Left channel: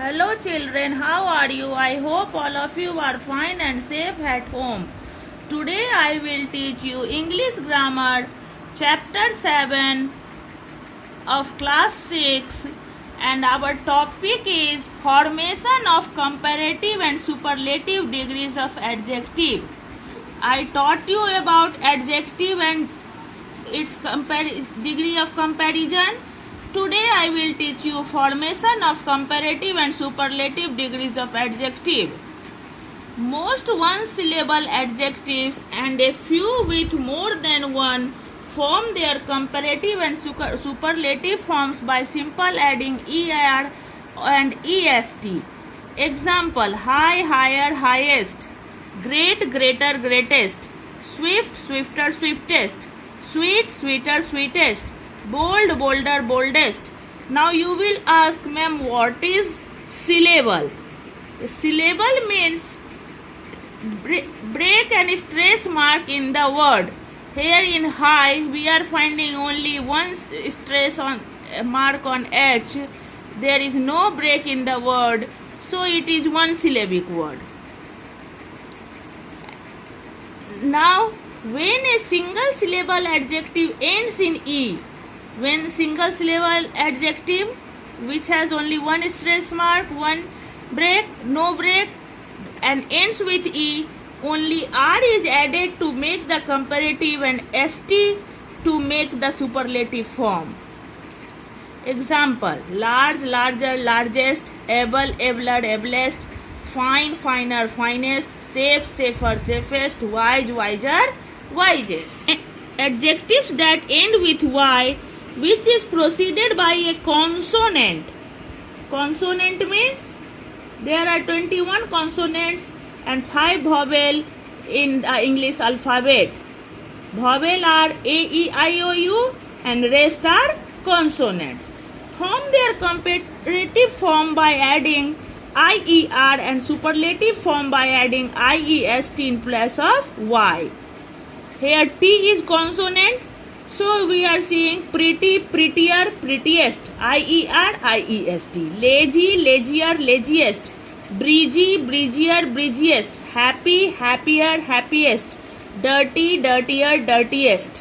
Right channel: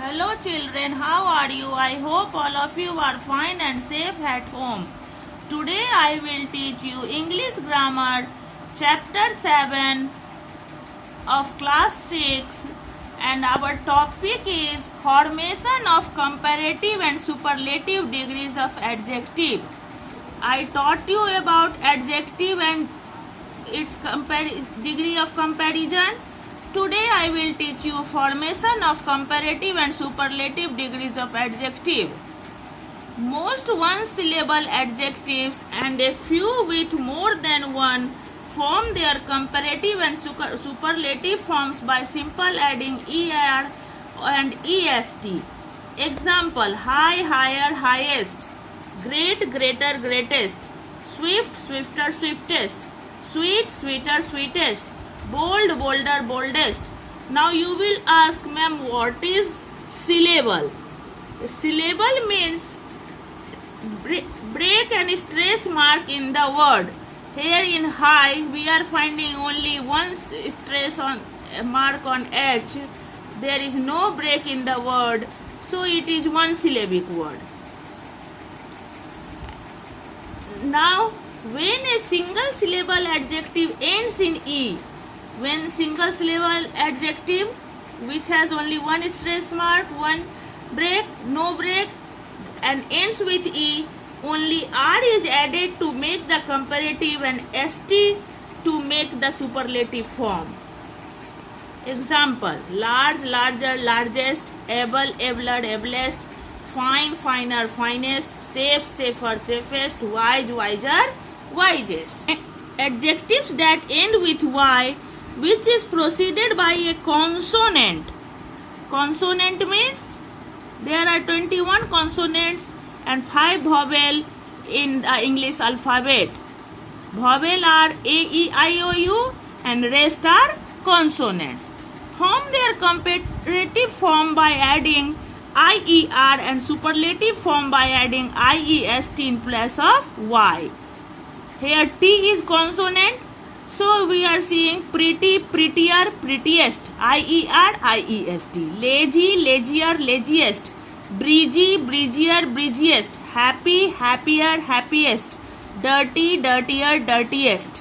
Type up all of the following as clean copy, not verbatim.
Hello children, how are you? I hope all of you are fine and safe at home. Today I will teach you English Grammar Chapter 7 of Class 6 and our topic is Formation of Comparative and Superlative Degrees of Adjective. I taught you about adjective and its degree of comparison. Today I will teach you formation of comparative and superlative degrees of adjective. Most one-syllable adjectives and a few with more than one form their comparative and superlative forms by simple adding er and est. Example: high, higher, highest; great, greater, greatest; swift, swifter, swiftest; sweet, sweeter, sweetest; bold, bolder, boldest. Now you will ask, ma'am, what is syllable? A syllable means break and stress mark in the word. Here in high we are finding only one stress on mark on H. There is no break in the word, so it is one syllabic word. Now when a single syllable adjective ends in E, when single syllable adjective which has only one stress mark, one break, no break and ends with E, only R is added to make the comparative and ST to make the superlative form. Example: large, larger, largest; able, abler, ablest; fine, finer, finest; safe, safer, safest; wise, wiser, wisest. Adjectives that end with Y which is preceded by a consonant. Consonant means there are 21 consonants and 5 vowel in the English alphabet. Vowel are A, E, I, O, U and rest are consonants. Form their comparative form by adding IER and superlative form by adding IEST in place of Y. Here T is consonant, so we are seeing pretty, prettier, prettiest, IER, IEST; lazy, lazier, laziest; breezy, breezier, breeziest; happy, happier, happiest; dirty, dirtier, dirtiest.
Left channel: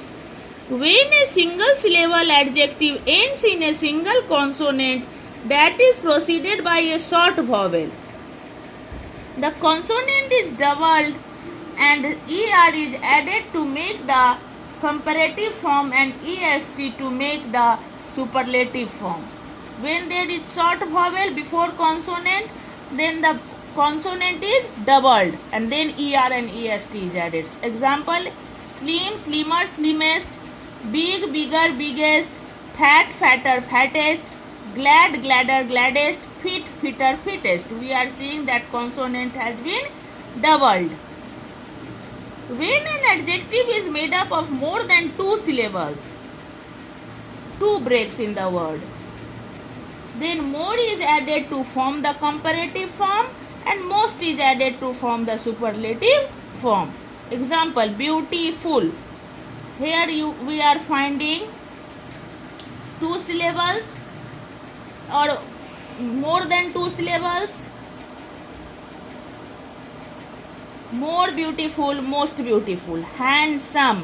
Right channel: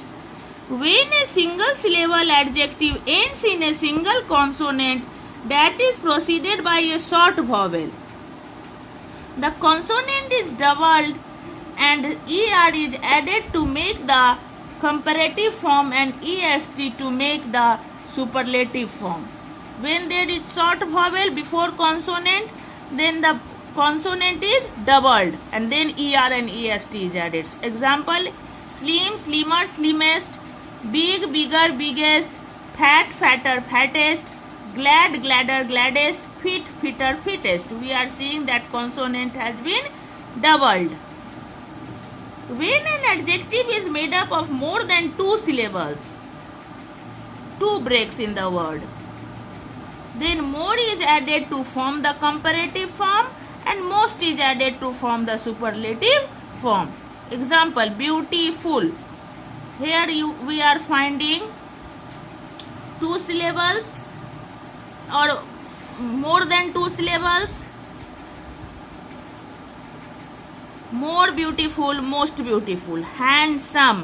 When a single syllable adjective ends in a single consonant that is preceded by a short vowel, the consonant is doubled and ER is added to make the comparative form and EST to make the superlative form. When there is short vowel before consonant, then the consonant is doubled and then ER and EST is added. Example: slim, slimmer, slimmest; big, bigger, biggest; fat, fatter, fattest; glad, gladder, gladdest; fit, fitter, fittest. We are seeing that consonant has been doubled. When an adjective is made up of more than 2 syllables, 2 breaks in the word, then more is added to form the comparative form and most is added to form the superlative form. Example: beautiful. Here we are finding 2 syllables or more than 2 syllables. More beautiful, most beautiful; handsome,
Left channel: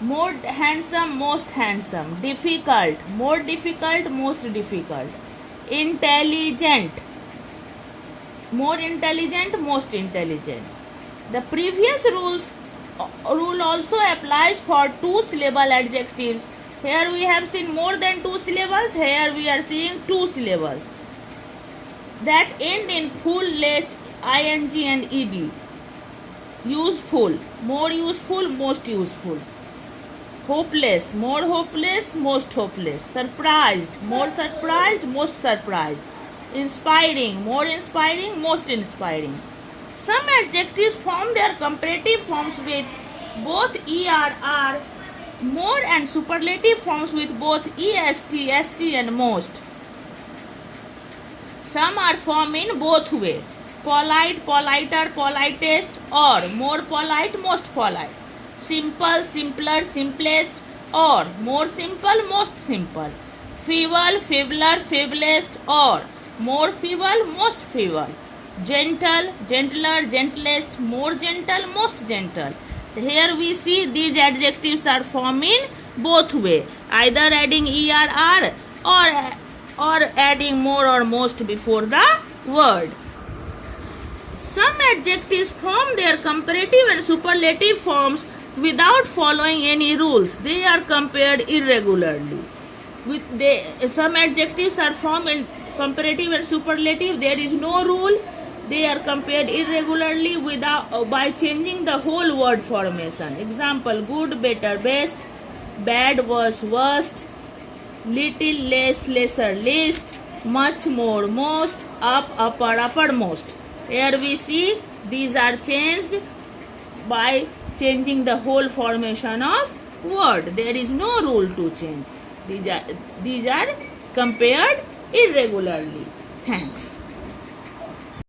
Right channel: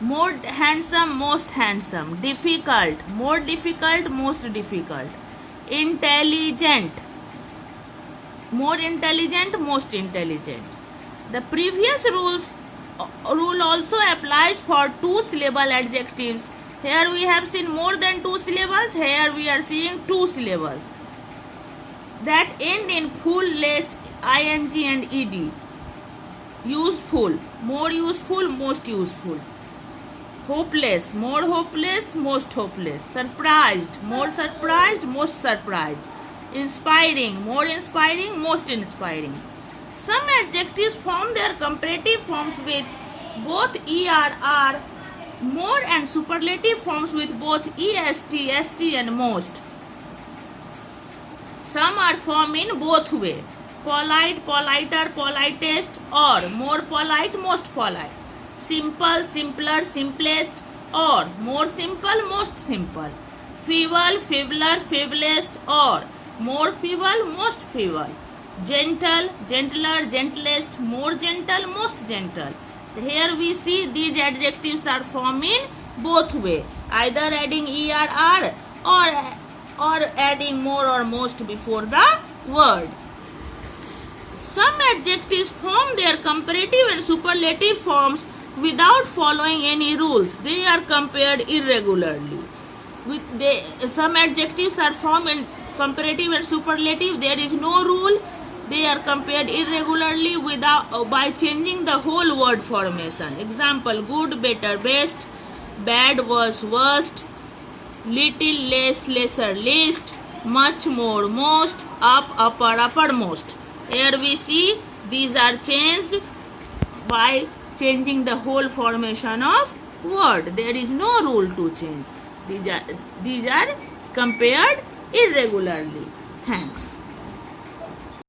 more handsome, most handsome; difficult, more difficult, most difficult; intelligent, more intelligent, most intelligent. The previous rule also applies for 2 syllable adjectives. Here we have seen more than 2 syllables. Here we are seeing 2 syllables that end in full, less, ing and ed. Useful, more useful, most useful; hopeless, more hopeless, most hopeless; surprised, more surprised, most surprised; inspiring, more inspiring, most inspiring. Some adjectives form their comparative forms with both ER, more, and superlative forms with both EST, ST and most. Some are formed in both ways: polite, politer, politest, or more polite, most polite; simple, simpler, simplest, or more simple, most simple; feeble, feebler, feeblest, or more feeble, most feeble, gentle, gentler, gentlest, more gentle, most gentle. Here we see these adjectives are formed in both way, either adding er or adding more or most before the word. Some adjectives form their comparative and superlative forms without following any rules. They are compared irregularly. Some adjectives are formed in comparative and superlative. There is no rule. They are compared irregularly by changing the whole word formation. Example: good, better, best; bad, worse, worst; little, less, lesser, least; much, more, most; up, upper, uppermost. Here we see these are changed by changing the whole formation of word. There is no rule to change. These are compared irregularly. Thanks.